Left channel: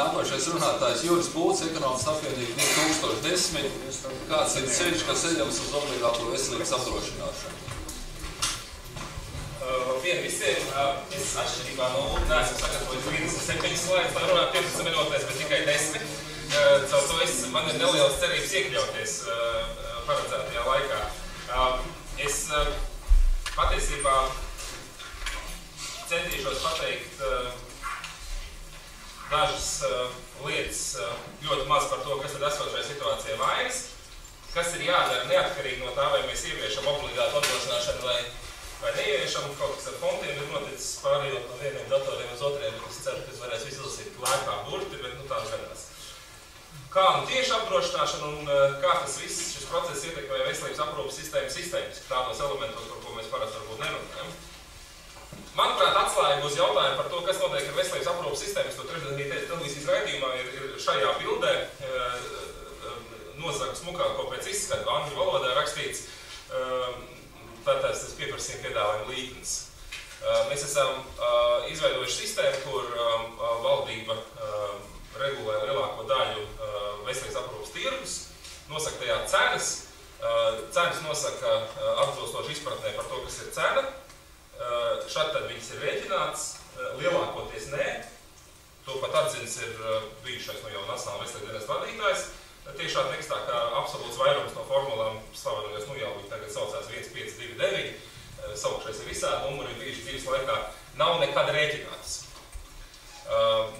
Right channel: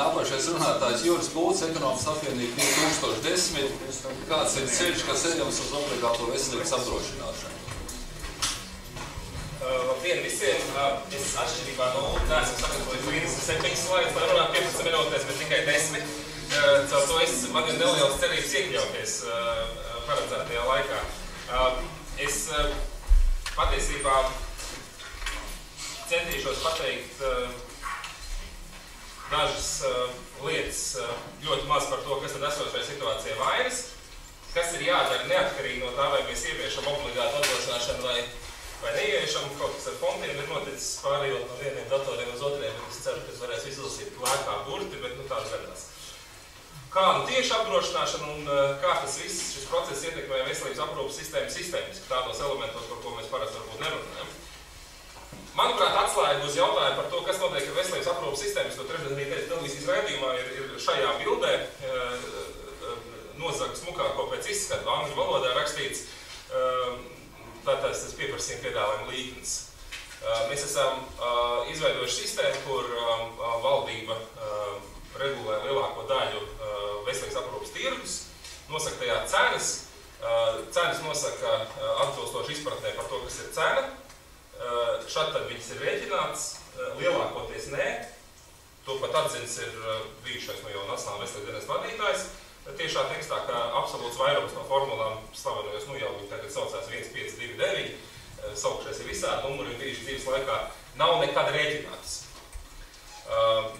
Nākošais runātājs Juris Bulcs, Ekonomikas apvienība 2010. Kāds ir ceļš, kas ejams uz obligāto veselības apdrošināšanu? Labdien visiem! Es atšķirībā no Ulta neesmu sagatavojis 37 slaidus, lai runātu 15 minūtēs, bet tikai 10. Caur to man ir nelielas cerības iekļauties paredzētajā laikā. Es patiesībā centīšos pateikt dažas lietas, ļoti maz par to, kas tad esošajā situācijā vainas, kas ir jādara neatkarīgi no tā, vai mēs ieviešam obligātu apdrošināšanu vai neieviešam. Kaut kas ar fontiem ir noticis pārējot no vieniem datoriem uz otriem, bet es ceru, ka es varēšu izlasīt lēkā burti, bet tā gadās. Kā tieši apdrošināšana un kā tas viss šis process ietekmē veselības aprūpas sistēmas tādos elementos, par ko mēs parasti varbūt nerunājam. Manuprāt, atslēga uz jautājumu par to, kas notiek ar veselības aprūpas sistēmas, to trešdienī televīzijas raidījumā ir šajā bildē nozaga smukāko pēc izskata angļu valodā rakstīts tātad tas pieprasījuma piedāvājuma līknes. Mēs esam izveidojuši sistēmu, kur valdība regulē lielāko daļu veselības aprūpas tirgus, nosaka tajā cenas. Cenas nosaka atbilstoši izpratnē par to, kas ir cena. Šad tad viņas ir rēķināts, lielākoties nē. To pat atzins ir bijušais no jau Nacionālā veselības dienesta vadītājs. Tiešā tekstā, kā absolūts vairums no formulām slavenojos, jau viņi tagad saucās 1529, saukšais ir visādi numuri, bijuši dzīves laikā, nav nekad rēķināts.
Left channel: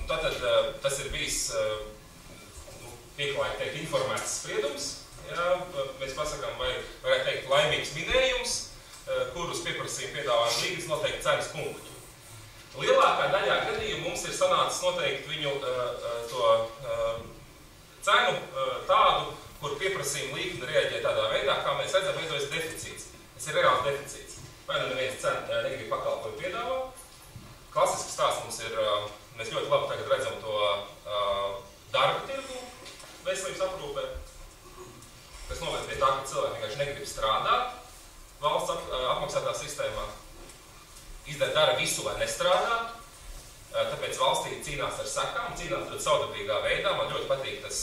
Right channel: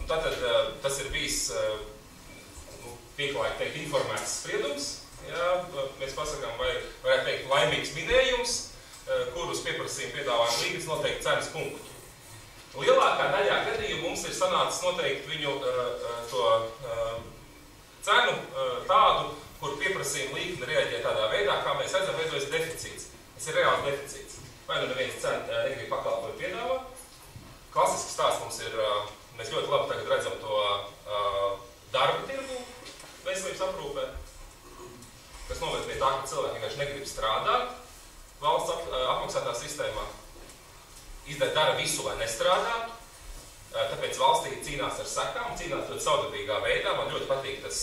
Tātad tas ir bijis, pieklājīgi teikt, informēts spriedums, jā, mēs pasakām, vai varētu teikt laimīgs minējums, kurus pieprasījuma piedāvājuma līgas noteikti cenas punktu. Lielākā daļā gadījumu mums ir sanācis noteikti viņu to cenu tādu, kur pieprasījuma līkne reaģē tādā veidā, kā mēs redzam, veidojas deficīts. Tas ir reāls deficīts. Vai nu neviens cena negrib pakalpojumu piedāvā. Klasisks stāsts mums ir, mēs ļoti labi tagad redzam to darba tirgu veselības aprūpē, kas noved pie tā, ka cilvēki vienkārši negrib strādāt valsts apmaksātā sistēmā. Dara visu, lai nestrādātu. Tāpēc valstī cīnās ar sekām, cīnās ļoti savdabīgā veidā. Man ļoti patīk tas,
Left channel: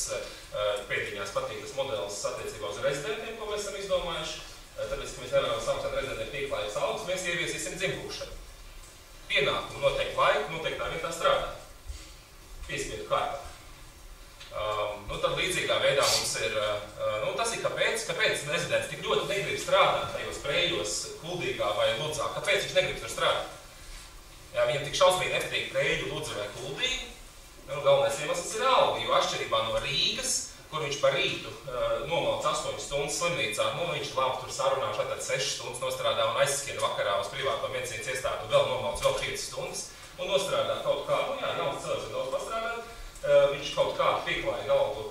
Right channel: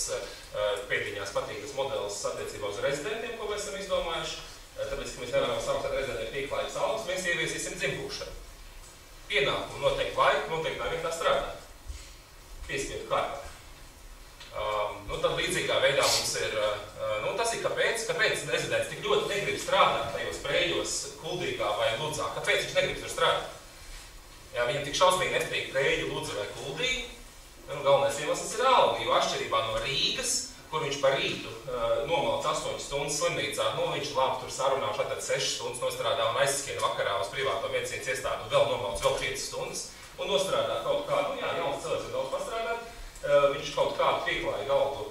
pēdiņās patīk tas modelis attiecībā uz rezidentiem, ko mēs esam izdomājuši. Tāpēc, ka mēs nevaram samaksāt rezidentiem pieklājības algas, mēs ieviesīsim dzimbušanu. Pienākumu noteikti laiku, noteiktā vietā strādāt. Piespiedu kārtā. Tad līdzīgā veidā mums ir, tas ir kāpēc rezidents tik ļoti negrib strādāt tajos prējos, Kuldīgā vai Ludzā. Kāpēc viņš negrib tur strādāt? Jā, viņam tik šausmīgi nepatīk Preļu, Ludza vai Kuldīgi. Galvenais iemesls ir alga, jo atšķirībā no Rīgas, kur viņš par rītu nomalc 8 stundas slimnīcā, viņš labi tur sarunā, šādā 6 stundas nostrādā un aizskrien vakarā uz privāto medicīnas iestādi, vēl nomalc vēl 5 stundas un nostrādā kaut kādu, jauns cilvēks var daudz pastrādāt, viņš kaut kādu pieklājīgu algu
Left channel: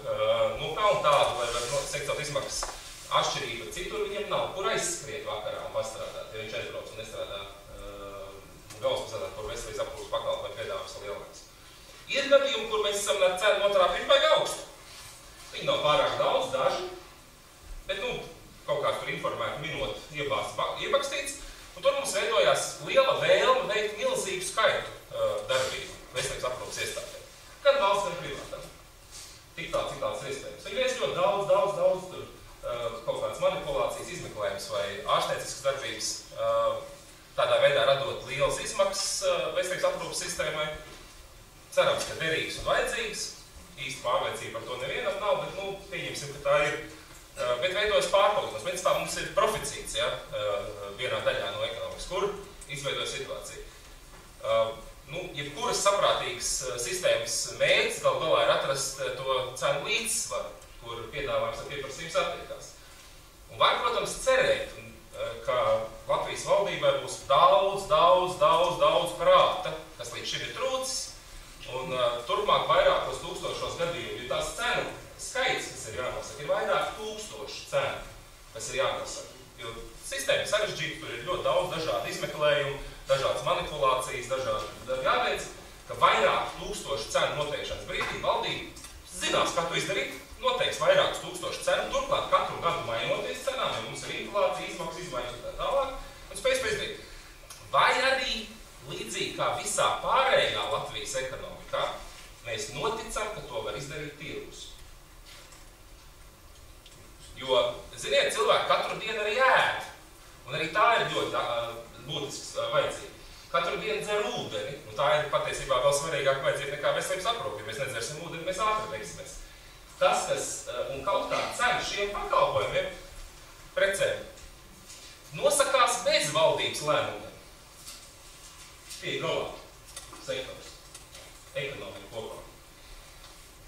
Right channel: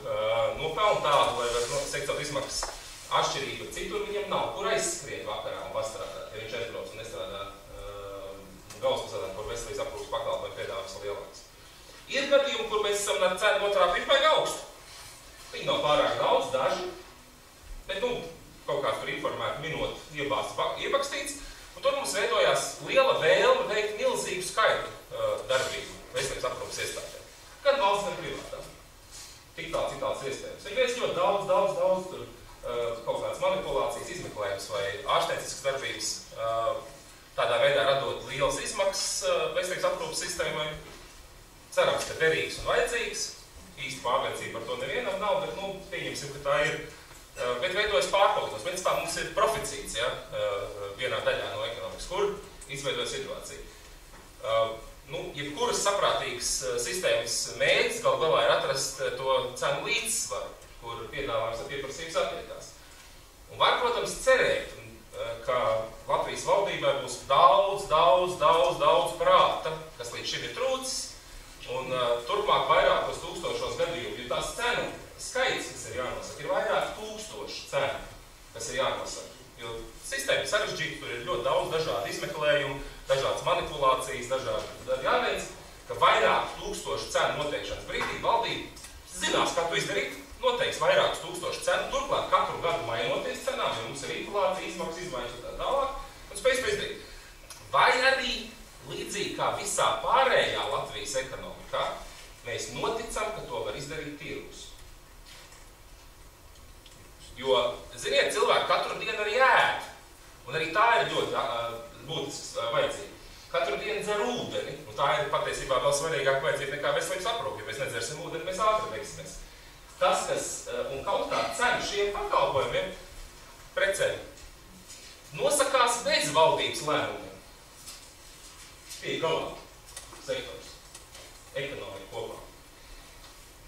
nopelna tādu, lai var sektot izmaksas atšķirību. Citur viņam nav, kur aizskrien vakarā un pastrādāt, ja viņš aizbrauc un nestrādā galvaspilsētā, kur veselības aprūpas pakalpojumu piedāvājums ir lielāks. Ir gadījumi, kur mēs esam cenu noturā pirmbaigi augstu. Viņi nav pārāk daudz, daži, bet kaut kāds tur informēti minot iepakstīts, un tur mums veidojās liela vēlme veikt milzīgu skaitu darbību veselības aprūpas iestādē. Gan valsts, gan privātā. Tik tāds iespējams. Viņi veic ļoti daudz tur kaut kādas manipulācijas, izmeklējums vai ārstnieciskas darbības, tādā veidā radot lielas izmaksas veselības aprūpas sistēmai. Cerams, ka derīgs un vajadzīgs. Īsti pārliecība par to nevienam nav, bet pieņemsim, ka tā ir. Bet veidojas pārpalikums. Bet tā mums ir proficīts, ja, vienā daļā no ekonomikas, kur izveidoja situāciju. Jebkuras saprātīgas sistēmas mērķis gal galā ir atrast to cenu līdzsvaru, kur piedāvājums ar pieprasības attiekās. Un var, protams, cerēt, ka Latvijas valdībai būs daudz prāta, kas līdz šim ir trūcis, un turpmāk vairākos tūkstošos gadījumu, jo tās cenu skaits, kas ir jānosaka, ir vairāk tūkstošu cenu, kas ir jānosaka. Jo sistēma sarežģīta, tur ir ļoti daudz dažādu izmeklējumu, dažādas manipulācijas, dažādi jāveic, ka vairāk tūkstošu cenu noteikšanas brīdī valdība zinās, kā to izdarīt, noteiks vairākus tūkstošu cenu, turklāt katru gadu mainoties cenām, ja mums ir inflācija, izmaksas izmaiņas un tā tālāk, un spējas to izdarīt. Vai arī līdzīgi kā visā pārējā Latvijas ekonomikā, mēs noticam, ka to var izdarīt tirgus. Jo, ziniet, cilvēki katru dienu arī ēd, un arī tā ir ļoti būtisks vajadzība. Katru dienu dzer ūdeni, un tā ir patiesībā vēl svarīgāk vajadzība nekā veselības aprūpe. Ja mēs nedzersim ūdeni, mēs ātri beigsimies. Tas, kas un kaut kā cena šiem pakalpojumiem, precēm, nosakās bez valdības lēmumiem. Tie galā sektors, ekonomika kopā.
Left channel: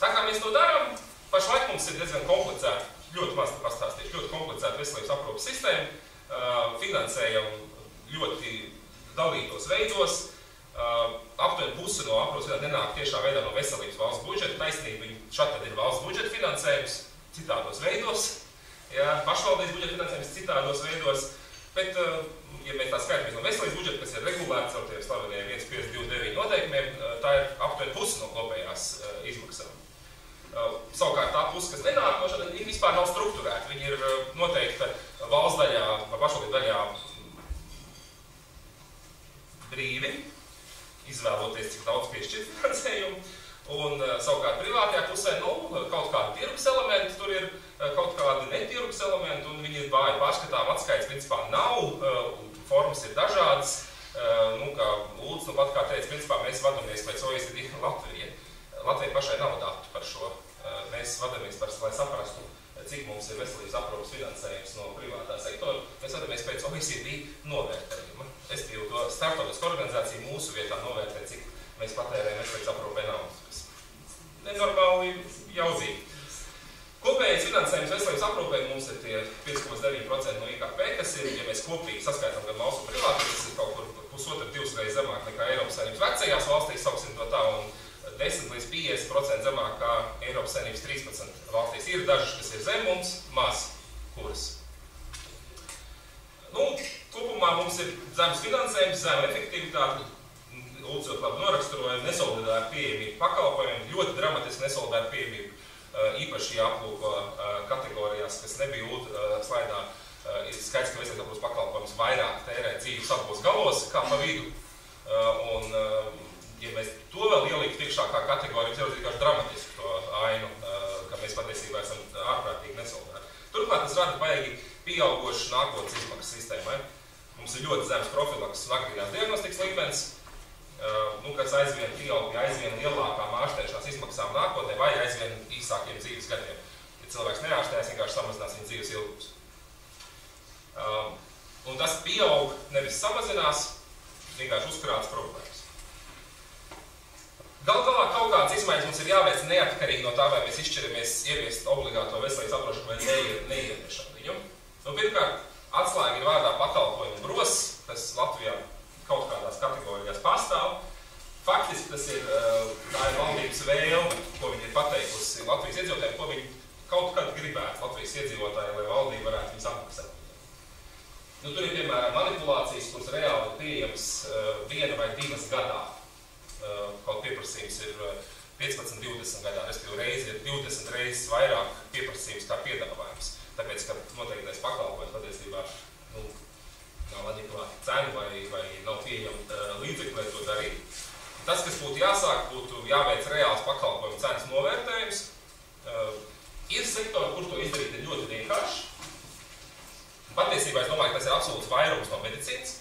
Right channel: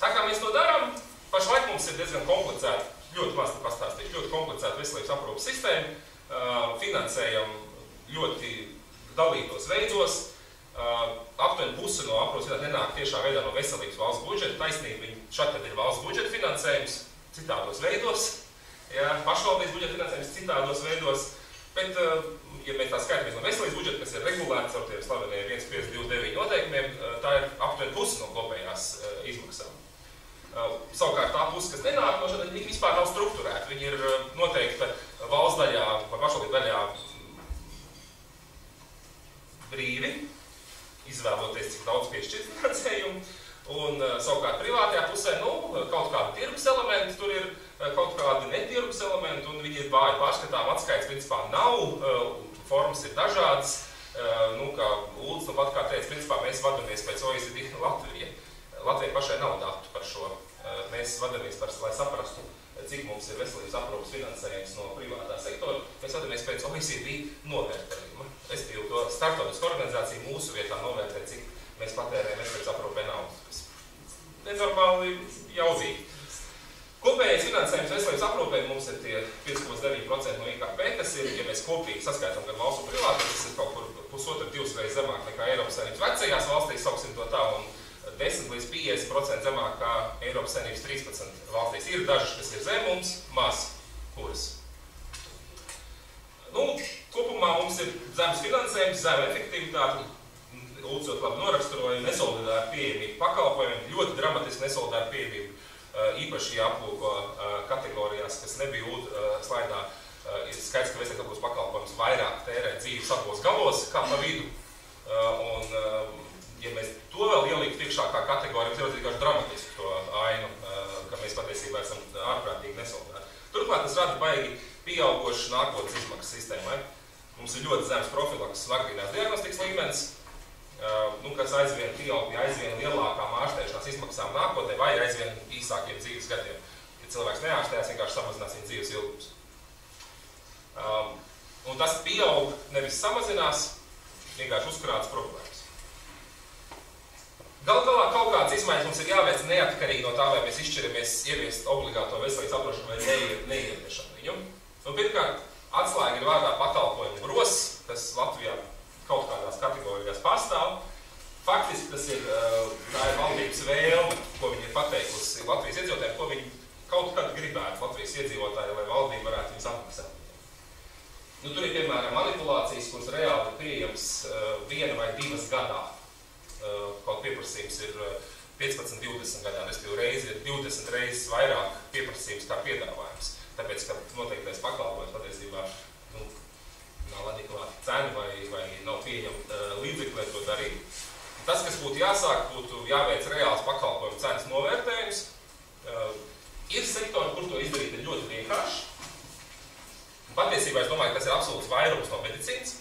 Tā kā mēs to darām, pašlaik mums ir diezgan komplicēta, ļoti maz te pastāstīšu, ļoti komplicēta veselības aprūpes sistēma, finansējam ļoti dalītos veidos, aptuveni pusi no aprūpes nenāk tiešā veidā no veselības valsts budžeta, taisnība viņi šādi ir valsts budžeta finansējums citādos veidos, pašvaldības budžeta finansējums citādos veidos, bet, ja mēs tā skaitamies no veselības budžeta, kas ir regulēts ar tiem slaveniem 1529 noteikumiem, tā ir aptuveni pusi no kopējās izmaksām. Savukārt tā puse, kas nenāk, no šādi vispār nav strukturēta. Viņi ir noteikta valsts daļā vai pašvaldību daļā brīvi, izvēloties, cik daudz piešķirt finansējumu, un savukārt privātajā pusē, kaut kādi tirgus elementi, tur ir kaut kādi netirgus elementi, un viņi ir vāji pārskatām, atskaits principā nav, formas ir dažādas, kā Lūdzu, pat kā teica, principā mēs vadamies pēc OECD Latvija. Latvija pašai nav datu par šo, mēs vadamies par, lai saprastu, cik mums ir veselības aprūpes finansējums no privātā sektora, mēs vadamies pēc OECD novērtējuma. Estīvi to starptautiskā organizācija mūsu vietā novērtē, cik mēs patērējam veselības aprūpē naudas. Nenormāli jaudzīgi. Kopējais finansējums veselības aprūpē mums ir tie 5,9% no IKP, kas ir, ja mēs kopīgi saskaitām gan valsts un privāti, tas ir kaut kur 1,5–2 reizes zemāk nekā Eiropas Savienības vecajās valstīs, sauksim to tā, un 10–50% zemāk kā Eiropas Savienības 13 valstīs. Ir dažas, kas ir zem mums, maz kuras. Kopumā mums ir zemes finansējums, zema efektivitāte, Lūdzot labi noraksturoja nesolidāru pieejamību pakalpojumiem, ļoti dramatiski nesolidāru pieejamību, īpaši jāaplūko kategorijās, kas nebija slaidā, ir skaidrs, ka veselības aprūpes pakalpojums vairāk tērē dzīves abos galos, kā pa vidu. Un, ja mēs to vēl ielikt iekšā kā kategoriju, tas ir vienkārši dramatiski to ainu, ka mēs patiesībā esam ārprātīgi nesolidāri. Turklāt tas rada baigi pieaugošu nākotnes izmaksas sistēmai. Mums ir ļoti zemes profilaks un agrīnās diagnostikas līmenis, kas aizvien pieaug pie aizvien lielākām ārstēšanās izmaksām nākotnē vai aizvien īsākiem dzīves gadiem. Ja cilvēks neārstējas, vienkārši samazinās viņa dzīves ilgums. Un tas pieaug, nevis samazinās, vienkārši uzkrātas problēmas. Galu galā kaut kādas izmaiņas mums ir jāveic neatkarīgi no tā, vai mēs izšķiramies ieviest obligāto veselības aprūpešanu vai neieviešam viņu. Pirmkārt, atslēga ir vārdā pakalpojumu gros, kas Latvijā kaut kādās kategorijās pastāv. Faktiski tas ir, tā ir valdības vēlme, ko viņi ir pateikusi Latvijas iedzīvotājiem, ko viņi kaut kad gribētu Latvijas iedzīvotāji, lai valdība varētu viņus apmaksāt. Tur ir, piemēram, manipulācijas, kuras reāli ir pieejams 1 vai 2 gadā. Kaut pieprasījums ir 15–20 gadā, respektīvi reizi ir 20 reizes vairāk pieprasījums kā piedāvājums. Tāpēc, ka noteiktais pakalpojums patiesībā nav adekvāta cena vai nav pieņemta līdzekļi, lai to darītu. Tas, kas būtu jāsāk, būtu jāveic reāls pakalpojumu cenas novērtējums. Ir sektori, kur to izdarīt ir ļoti vienkārši. Patiesībā es domāju, ka tas ir absolūts vairums no medicīnas.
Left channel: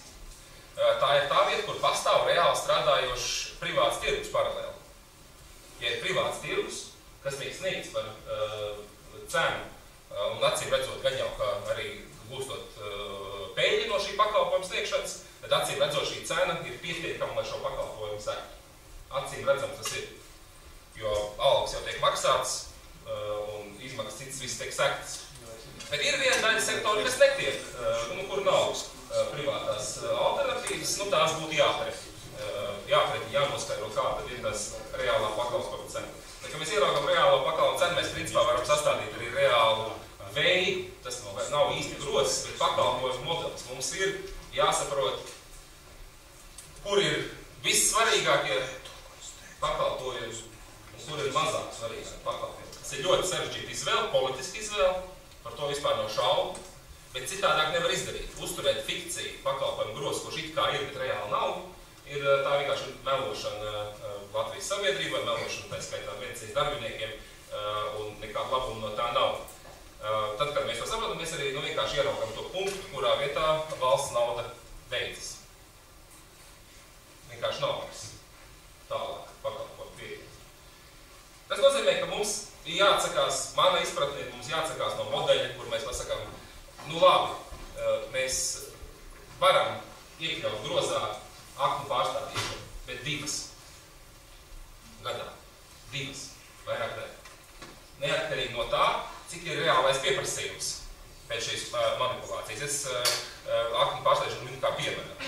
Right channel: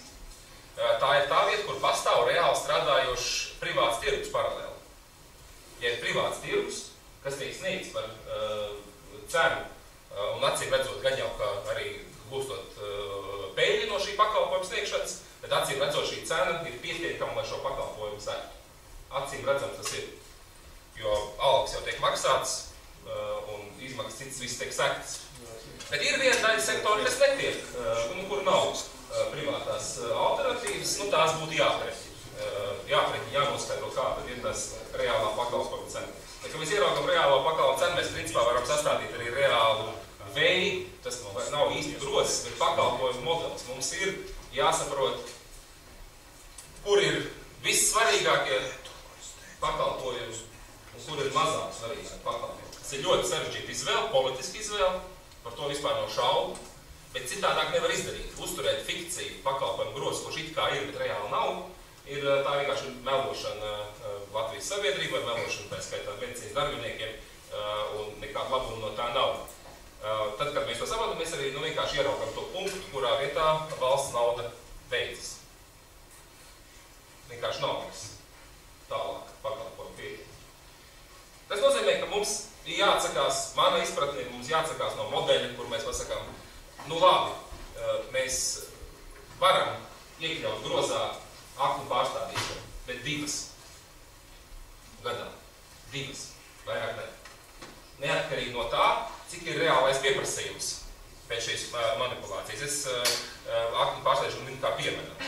Tā ir tā vieta, kur pastāv reāli strādājošs privāts tirgus paralēli. Ja ir privāts tirgus, kas tiek sniegts par cenu, un acīm redzot, gan jau, ka arī gūstot peļņu no šī pakalpojuma sniegšanas, bet acīm redzot, šī cena ir pietiekama, lai šo pakalpojumu sektu. Acīm redzams tas ir, jo algas jau tiek maksāts un izmaksas citas viss tiek sektas. Bet ir viena daļa sektora, kas netiek, kur nav privātās alternatīvas, tās būtu jāpret, jānoskaidro, kā tad ir tas reālā pakalpojuma cena. Bet, kad mēs ieraugam reālo pakalpojumu cenu, mēs principā varam sastādīt arī reālu veidu, tas nav īsti grozs, bet pakalpojumu modelis. Mums ir jāsaprot, kur ir vissvarīgākie pakalpojumi un kur ir mazāk svarīgākie pakalpojumi. Tas ir ļoti sarežģīta izvēle, politiska izvēle, par to vispār nav šaubu, bet citādāk nevar izdarīt. Uzturēt fikciju pakalpojumu grozu, kurš it kā ir, bet reāli nav, ir tā vienkārši melošana Latvijas sabiedrību ar melošanu, tā skaitā medicīnas darbiniekiem, un nekāda labuma no tā nav. Tad, kad mēs to saprotam, mēs arī vienkārši ieraugam to punktu, kurā vietā valsts nauda beidzas. Vienkārši nav mums tālāk pakalpojumu pieeja. Tas nozīmē, ka mums ir jāatsakās, mana izpratne ir, mums jāatsakās no modeļa, kur mēs pasakām, labi, mēs varam iekļaut grozā aknu pārstādīšanu, bet 2 gadā. 2, vairāk ne. Neatkarīgi no tā, cik ir reālais pieprasījums pēc šīs manipulācijas. Es aknu pārstādīšanu minu kā piemēram.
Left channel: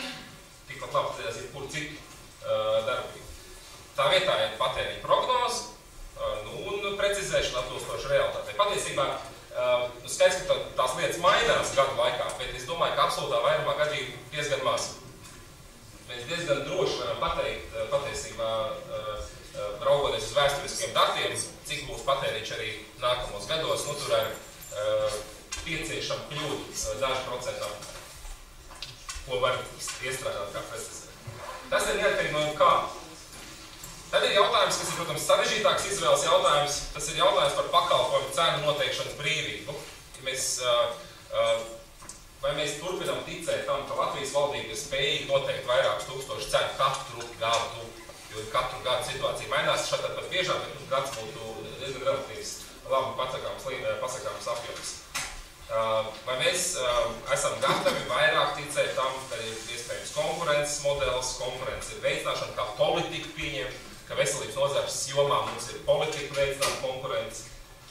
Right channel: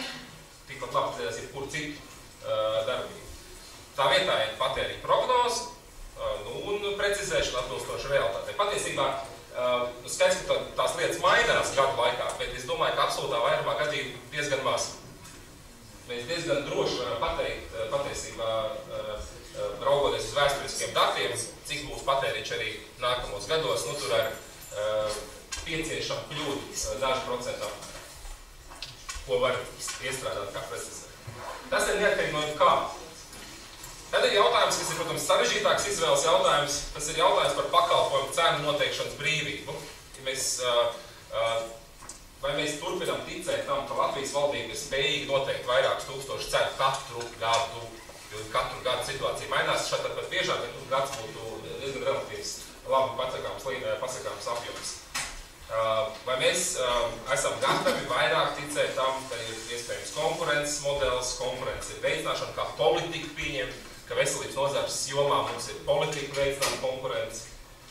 Tikpat labi tas ir kur citu darbību. Tā vietā ir patēriņa prognoze un precizēšana atbilstoši realitātei. Patiesībā skaidrs, ka tās lietas mainās gadu laikā, bet es domāju, ka absolūtā vairumā gadījumu diezgan maz. Mēs diezgan droši varam pateikt, patiesībā, raugoties uz vēsturiskiem datiem, cik būs patēriņš arī nākamos gados, tur ar pieciešama kļūda dažu procentā, ko var iestrādāt kā precizēt. Tas ir neatkarīgi no kā. Tad ir jautājums, kas ir, protams, sarežģītāks izvēles jautājums. Tas ir jautājums par pakalpojumu cenu noteikšanas brīvību. Vai mēs turpinām ticēt tam, ka Latvijas valdība ir spējīga noteikt vairākus tūkstošu cenu katru gadu, jo katru gadu situācija mainās, šādi pat biežāk, bet gads būtu diezgan relatīvs, labi pasakāms apjoms. Vai mēs esam gatavi vairāk ticēt tam, ka ir iespējams konkurences modelis, konkurences ir veicināšana, kā politika pieņem, ka veselības nozares jomā mums ir politika veicināt konkurenci,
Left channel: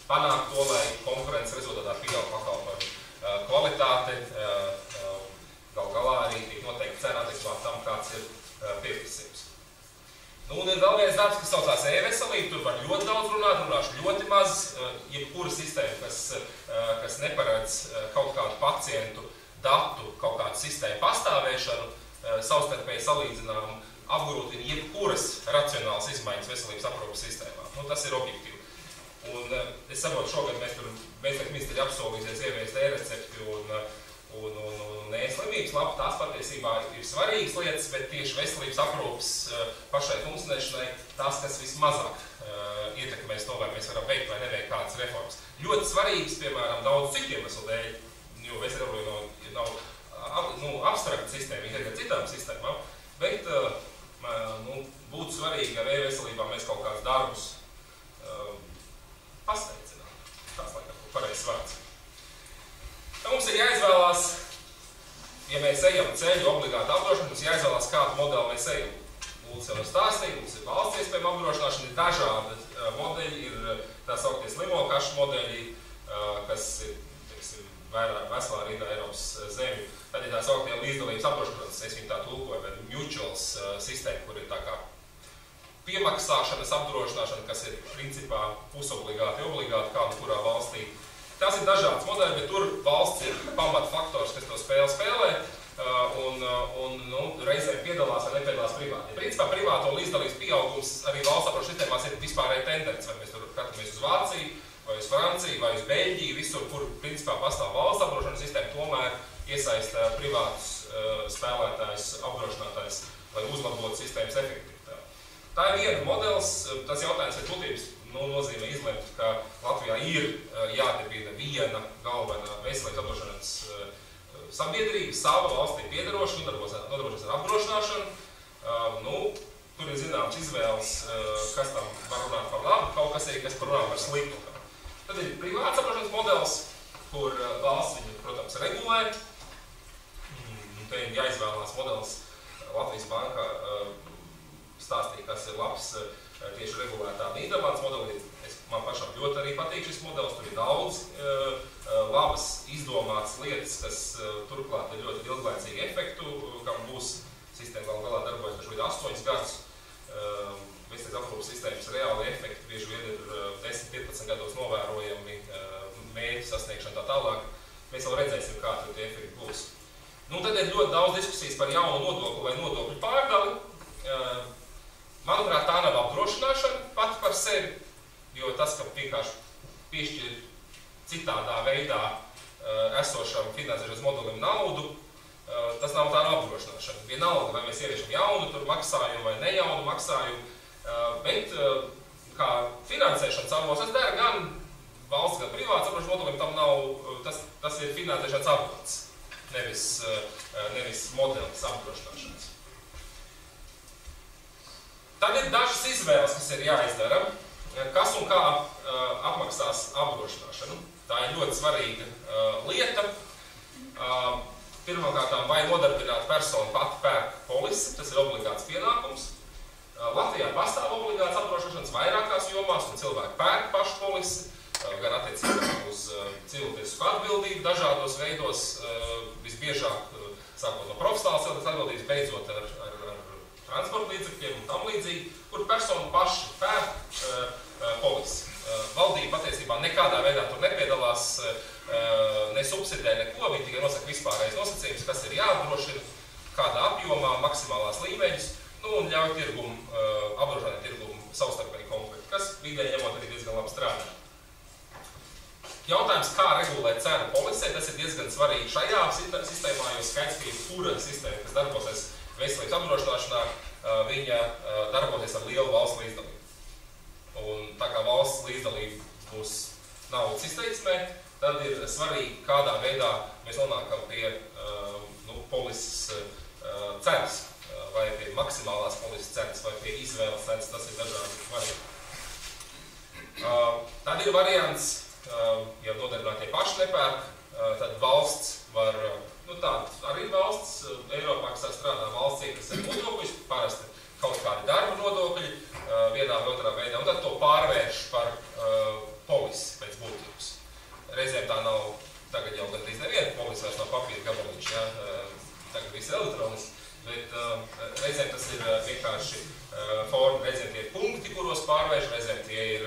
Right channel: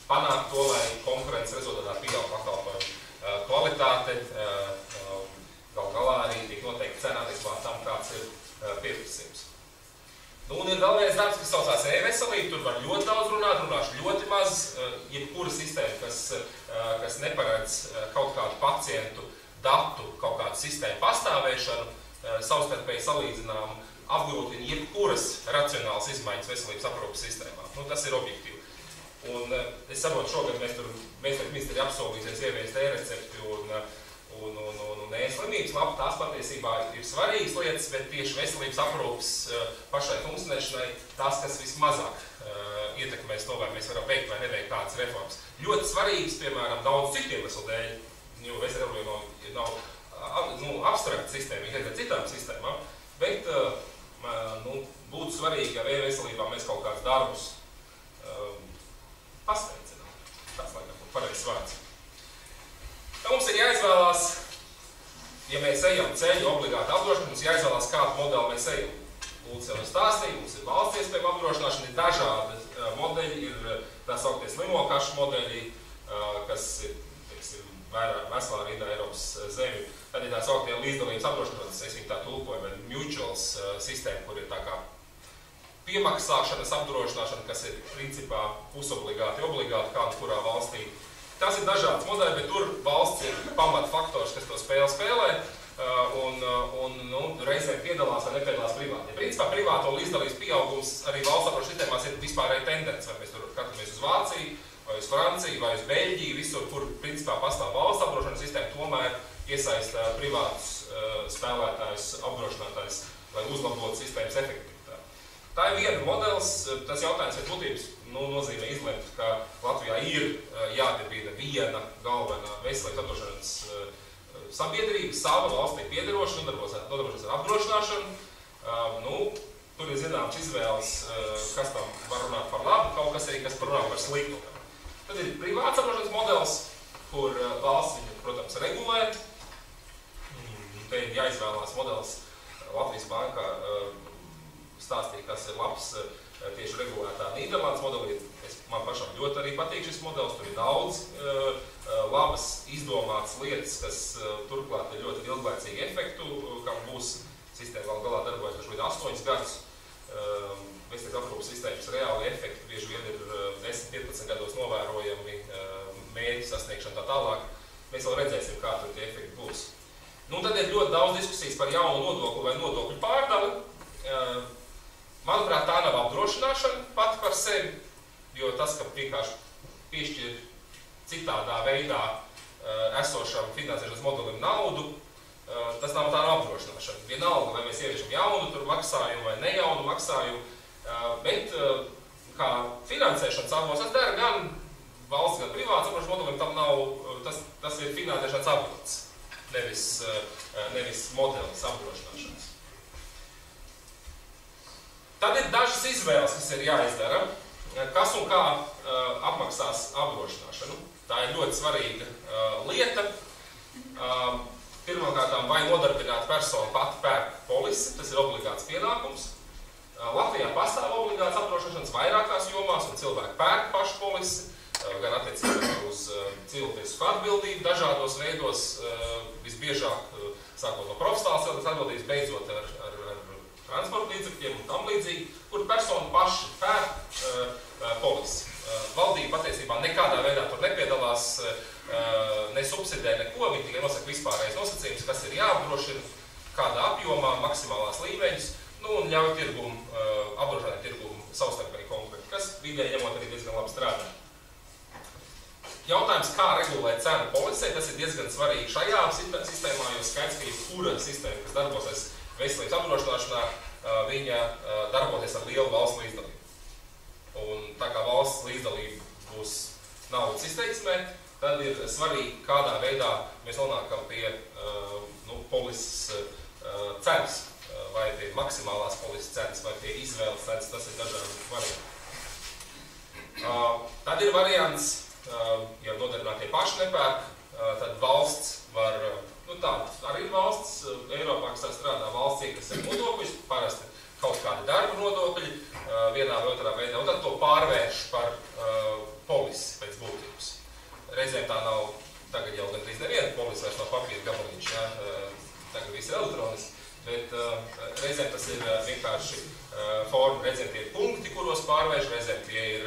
panākt to, lai konkurences rezultātā pieaug pakalpojumu kvalitāte, gal galā arī tiek noteikti cena adekvāti tam, kāds ir pieprasījums. Un ir vēl viens darbs, kas saucās e-veselība, tur var ļoti daudz runāšu ļoti maz, jebkura sistēma, kas neparedz kaut kādu pacientu datu, kaut kādu sistēmu pastāvēšanu, savstarpēji salīdzināmu, apgrūtina jebkuras racionālas izmaiņas veselības aprūpes sistēmā. Tas ir objektīvi. Un es saprotu, šogad mēs ministri apsolīsies ieviest e-recepti un e-slimības lapu. Tās patiesībā ir svarīgas lietas, bet tieši veselības aprūpes pašai funkcionēšanai tās, kas vismazāk ietekmēs to, vai mēs varam veikt vai neveikt kādas reformas. Ļoti svarīgas, piemēram, daudz citiem eslu dēļ, jo veselība nav abstrakta sistēma, ir citām sistēmām, bet būtu svarīgi, ja e-veselībā mēs kaut kādus darbus pasteicinām. Tās laikam pareizs vārds. Mums ir jāizvēlās, ja mēs ejam ceļu obligāti apdrošināšanu, mums jāizvēlās, kādu modeli mēs ejam. Lūdzu jau stāstīt, mums ir valsts iespējama apdrošināšana, ir dažādi modeļi, ir tā sauktie slimokašu modeļi, kas ir, veselā rindā Eiropas zemi. Tad ir tā sauktie līdzdalības apdrošināšanas, es viņu tā tulkoju, vai mutuals sistēma, kur ir tā kā piemaksāšanas apdrošināšana, kas ir principā pusobligāti, obligāti kādu kurā valstī. Tās ir dažādas modeļi, bet tur valsts ir pamatfaktors, kas to spēlē, un reizēm piedalās vai nepiedalās privāti. Principā privāto līdzdalības pieaugums arī valsts apdrošināšanas sistēmās ir vispārēja tendence, vai mēs tur skatāmies uz Vāciju, vai uz Franciju, vai uz Beļģiju, visur, kur principā pastāv valsts apdrošināšanas sistēma, tomēr iesaista privātus spēlētājus, apdrošinātājus, lai uzlabotu sistēmas efektivitāti. Tā ir viena modelis, tas jautājums ir būtības nozīmē izlemt, ka Latvijā ir jādibina viena galvenā veselības apdrošināšanas sabiedrība, savu valstī piederošana, nodarbojas ar apdrošināšanu. Tur ir zināms izvēles, kas tam var runāt par labu, kaut kas arī, kas runā par sliktu. Tad ir privāts apdrošināšanas modelis, kur valsts viņu, protams, regulē. Te ir jāizvēlās modelis. Latvijas bankā stāstīja, kas ir labs tieši regulētā Nīderlandes modelī. Man pašam ļoti arī patīk šis modelis. Tur ir daudz labas izdomātas lietas, kas turklāt ir ļoti ilglaicīgi efektu, kam būs sistēma vēl galā darbojas šobrīd 8 gadus. Veselības aprūpes sistēmas reāli efekti bieži vien ir 10-15 gados novērojami, mērķu sasniegšana tā tālāk. Mēs vēl redzēsim, kā tur tie efekti būs. Tad ir ļoti daudz diskusijas par jaunu nodokli vai nodokļu pārdali. Manuprāt, tā nav apdrošināšana pati par sevi, jo tas, ka vienkārši piešķir citādā veidā esošam finansēšanas modelim naudu, tas nav tā apdrošināšana. Vienalga, vai mēs ieviešam jaunu tur maksājumu vai nejaunu maksājumu, bet kā finansēšanas avots, tas dara gan valsts, gan privāts apdrošināšanas modelim, tam nav, tas ir finansēšanas avots, nevis modelis apdrošināšanas. Tad ir dažas izvēles, kas ir jāizdara, kas un kā apmaksās apdrošināšanu. Tā ir ļoti svarīga lieta. Pirmkārt, vai nodarbināta persona pati pērk polisi, tas ir obligāts pienākums. Latvijā pastāv obligāts apdrošināšanas vairākās jomās, un cilvēki pērk pašu polisi, gan attiecībā uz civiltiesisku atbildību dažādos veidos, visbiežāk sākot no profesionālas atbildības, beidzot ar transporta līdzekļiem un tam līdzīgi, kur persona paši pērk polisi. Valdība patiesībā nekādā veidā tur nepiedalās, nesubsidē neko, viņi tikai nosaka vispārējais nosacījums, kas ir jāapdrošina, kādā apjomā, maksimālās līmeņus, un ļauj apdrošinājumu tirgumu savstarpēji konkurēt, kas vidēji ņemot arī diezgan labi strādā. Jautājums, kā regulēt cenu polisē, tas ir diezgan svarīgi šajā sistēmā, jo skaidrs, ka jebkura sistēma, kas darbosies veselības apdrošināšanā, viņa darboties ar lielu valsts līdzdalību. Un tā kā valsts līdzdalība būs naudas izteiksmē, tad ir svarīgi, kādā veidā mēs nonākam pie polises cenas, vai pie maksimālās polises cenas, vai pie izvēles cenas, tas ir dažādi varianti. Tad ir variants, ja nodarbinātie paši nepērk, tad valsts var, arī valsts, Eiropā, kas strādā valstī, kas ir nodokļus, parasti kaut kādi darba nodokļi, vienā vai otrā veidā, un tad to pārvērš par polisi pēc būtības. Reizēm tā nav, tagad jau gandrīz neviena polisi vairs nav papīra gabaliņš, tagad viss ir elektroniski, bet reizēm tas ir vienkārši forma, reizēm tie ir punkti, kuros pārvērš, reizēm tie ir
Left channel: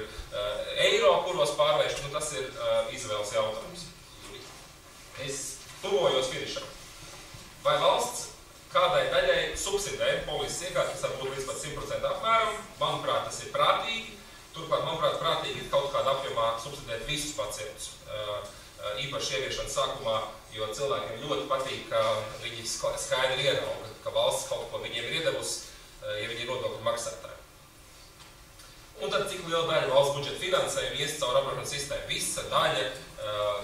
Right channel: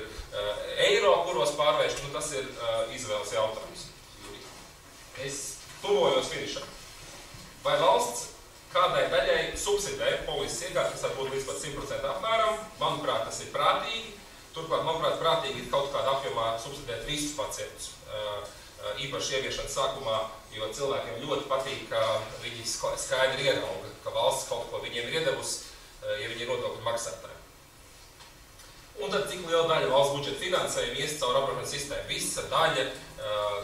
eiro, kuros pārvērš, tas ir izvēles jautājums. Es tuvojos finišam. Vai valsts kādai daļai subsidē polises iekārtas, kas var būt līdz pat 100% apmēram? Manuprāt, tas ir prātīgi. Turklāt, manuprāt, prātīgi ir kaut kādā apjomā subsidēt visus pacientus. Īpaši ieviešanas sākumā, jo cilvēkiem ļoti patīk, ka viņi skaidri ierauga, ka valsts kaut ko viņiem ir iedevusi, ja viņi ir nodokļu maksātāji. Un tad cik liela daļa valsts budžeta finansējuma ies caur apdrošināšanas sistēmu? Visa daļa,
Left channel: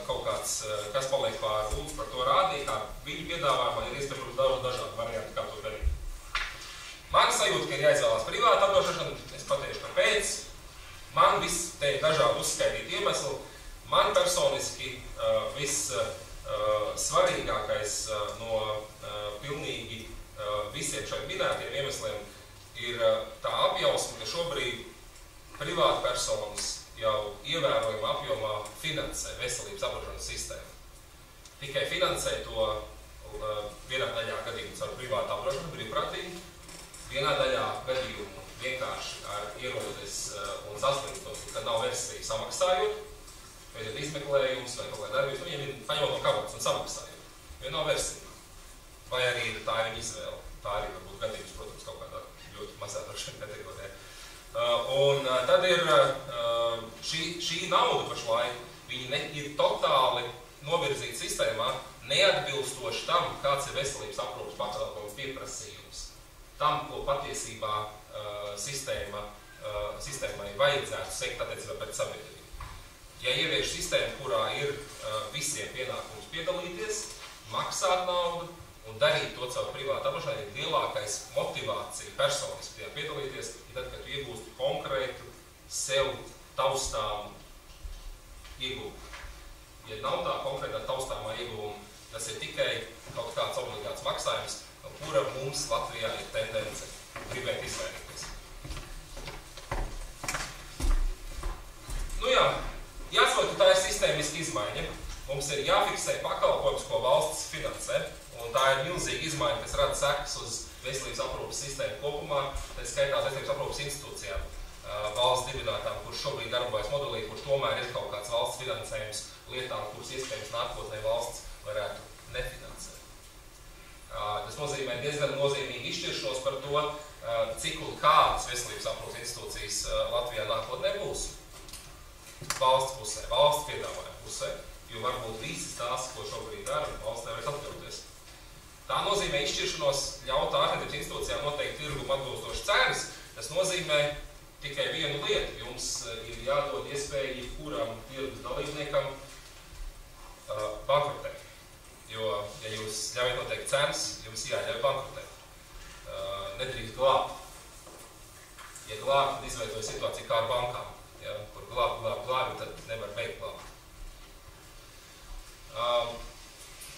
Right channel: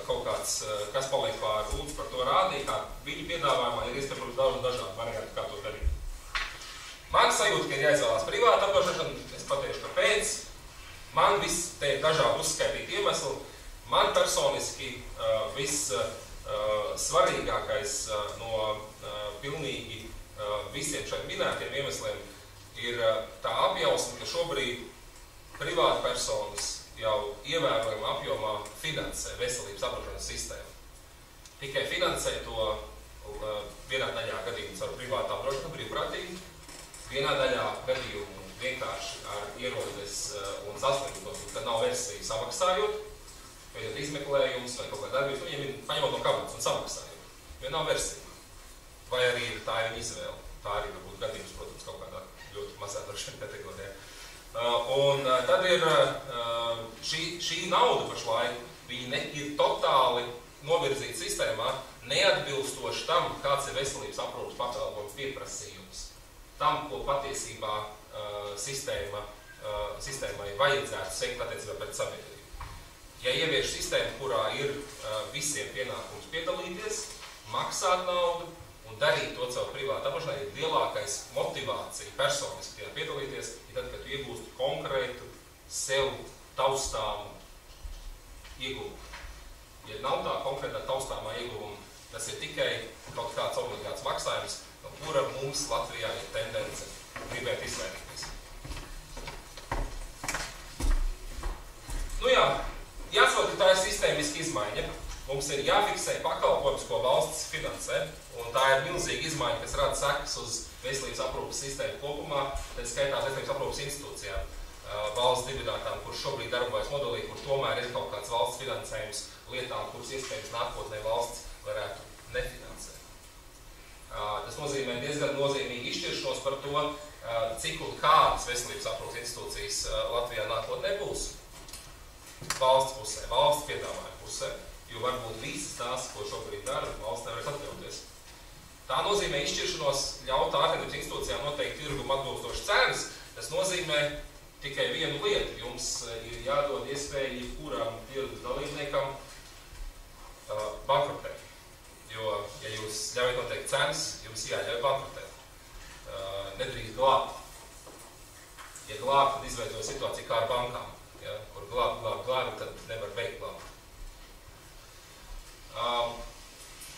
kaut kāds, kas paliek pāri, lūdzu par to rādīt, kā viņu piedāvājumā ir iespējams daudz dažādu variantu, kā to darīt. Man sajūta, ka ir jāizvēlās privāta apdrošināšana, es pateikšu, kāpēc. Man viss te ir dažādi uzskaitīti iemesli. Man personiski viss svarīgākais no pilnīgi visiem šeit minētiem iemesliem ir tā apjausma, ka šobrīd privāta personas jau ievērojama apjomā finansē veselības apdrošināšanas sistēmu. Tikai finansē to vienā daļā gadījumus ar privātu apdrošināšanu brīvprātīgi, vienā daļā gadījumu vienkārši ar ierodas un saslimtot, ka nav versija samaksājot, veidot izmeklējumus vai kaut kā darbības, viņiem ir paņemot no kabatas un samaksājot, jo nav versija. Vai arī tā ir viņa izvēle. Tā arī var būt gadījums, protams, kaut kādā ļoti mazā drošiem kategorijā. Un tad ir šī nauda pašlaik, viņi ir totāli novirzīta sistēmā, neatbilstoši tam, kāds ir veselības aprūpes pakalpojumu pieprasījums. Tam, ko patiesībā sistēmai vajadzētu sekt attiecībā pret sabiedrību. Ja ievieš sistēmu, kurā ir visiem pienākums piedalīties, maksāt naudu un darīt to caur privātu apdrošināšanu, ir lielākais motivācija personiski tajā piedalīties, ir tad, kad tu iegūsti konkrētu, sev taustāmu iegūmu. Ja nav tā konkrētā taustāmā iegūma, tas ir tikai kaut kāds obligāts maksājums, no kura mums Latvijā ir tendence gribēt izvairīties. Nu jā, jāsaka, ka tā ir sistēmiska izmaiņa. Mums ir jāfiksē pakalpojums, ko valsts finansē, un tā ir milzīga izmaiņa, kas rada sekas uz veselības aprūpes sistēmu kopumā, tad skaitās veselības aprūpes institūcijām, valsts dibinātām, kurš šobrīd darbojas modelī, kur tomēr ir kaut kāds valsts finansējums lietām, kuras iespējams nākotnē valsts varētu nefinansēt. Tas nozīmē diezgan nozīmīgi izšķiršanos par to, cik un kādas veselības aprūpes institūcijas Latvijā nākotnē būs. Valsts pusē, valsts piedāvājuma pusē, jo varbūt visas tās, ko šobrīd dara, valsts nevarēs atļauties. Tā nozīmē izšķiršanos ļaut ārstniecības institūcijām noteikt tirgumu atbilstoši cenas. Tas nozīmē tikai vienu lietu. Jums ir jādod iespēja jebkuram tirgus dalībniekam bankrotēt. Jo, ja jūs ļaujat noteikt cenas, jums jāļauj bankrotēt. Nedrīkst glābt. Ja glābt, tad izveidoja situāciju kā ar bankām. Ja, kur glābi, tad nevar beigt glābt.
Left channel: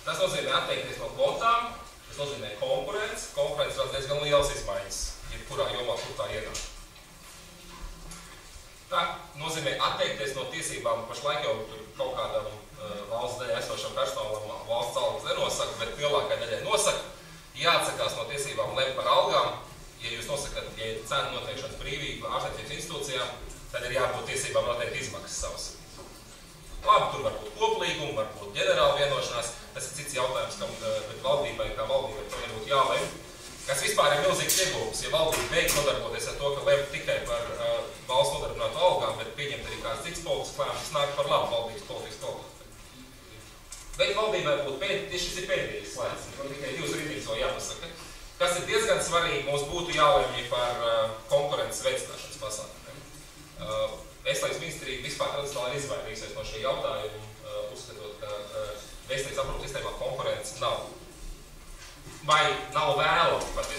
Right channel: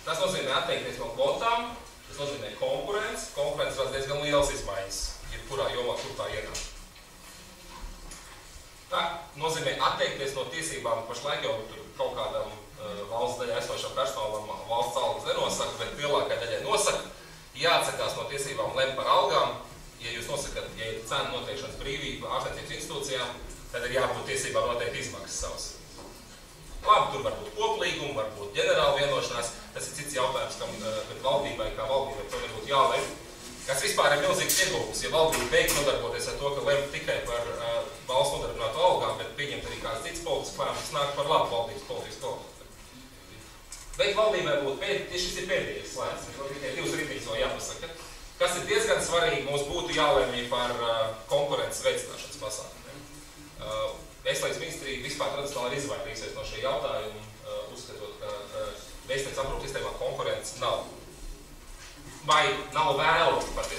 Tas nozīmē atteikties no kvotām, tas nozīmē konkurence. Konkurence rada diezgan lielas izmaiņas, jebkurā jomā, kur tā ienāk. Tā nozīmē atteikties no tiesībām, pašlaik jau kaut kādam valsts daļai esošam personālam valsts algas nenosaka, bet lielākai daļai nosaka. Jāatsakās no tiesībām lemt par algām. Ja jūs nosakat, ja ir cena noteikšanas brīvība ārstniecības institūcijām, tad ir jābūt tiesībām noteikt izmaksas savas. Labi, tur var būt koplīguma, var būt ģenerāla vienošanās. Tas ir cits jautājums, kad valdībai to nebūtu jālem. Kas vispār ir milzīgs ieguvums, ja valdība beigts nodarboties ar to, ka lem tikai par valsts nodarbinātu algām, bet pieņemt arī kāds cits politisks lēmums, nāk par labu valdības politikas kvalitāti. Bet valdībai būtu šis ir pēdējais slēdz, tikai divas rindīgas vēl jāpasaka. Kas ir diezgan svarīgi, mums būtu jālemj par konkurences veicināšanas pasākumiem. Veselības ministrija vispār tradicionāli ir izvairījusies no šī jautājuma, uzskatot, ka veselības aprūpes sistēmā konkurence nav. Vai nav vēlama pat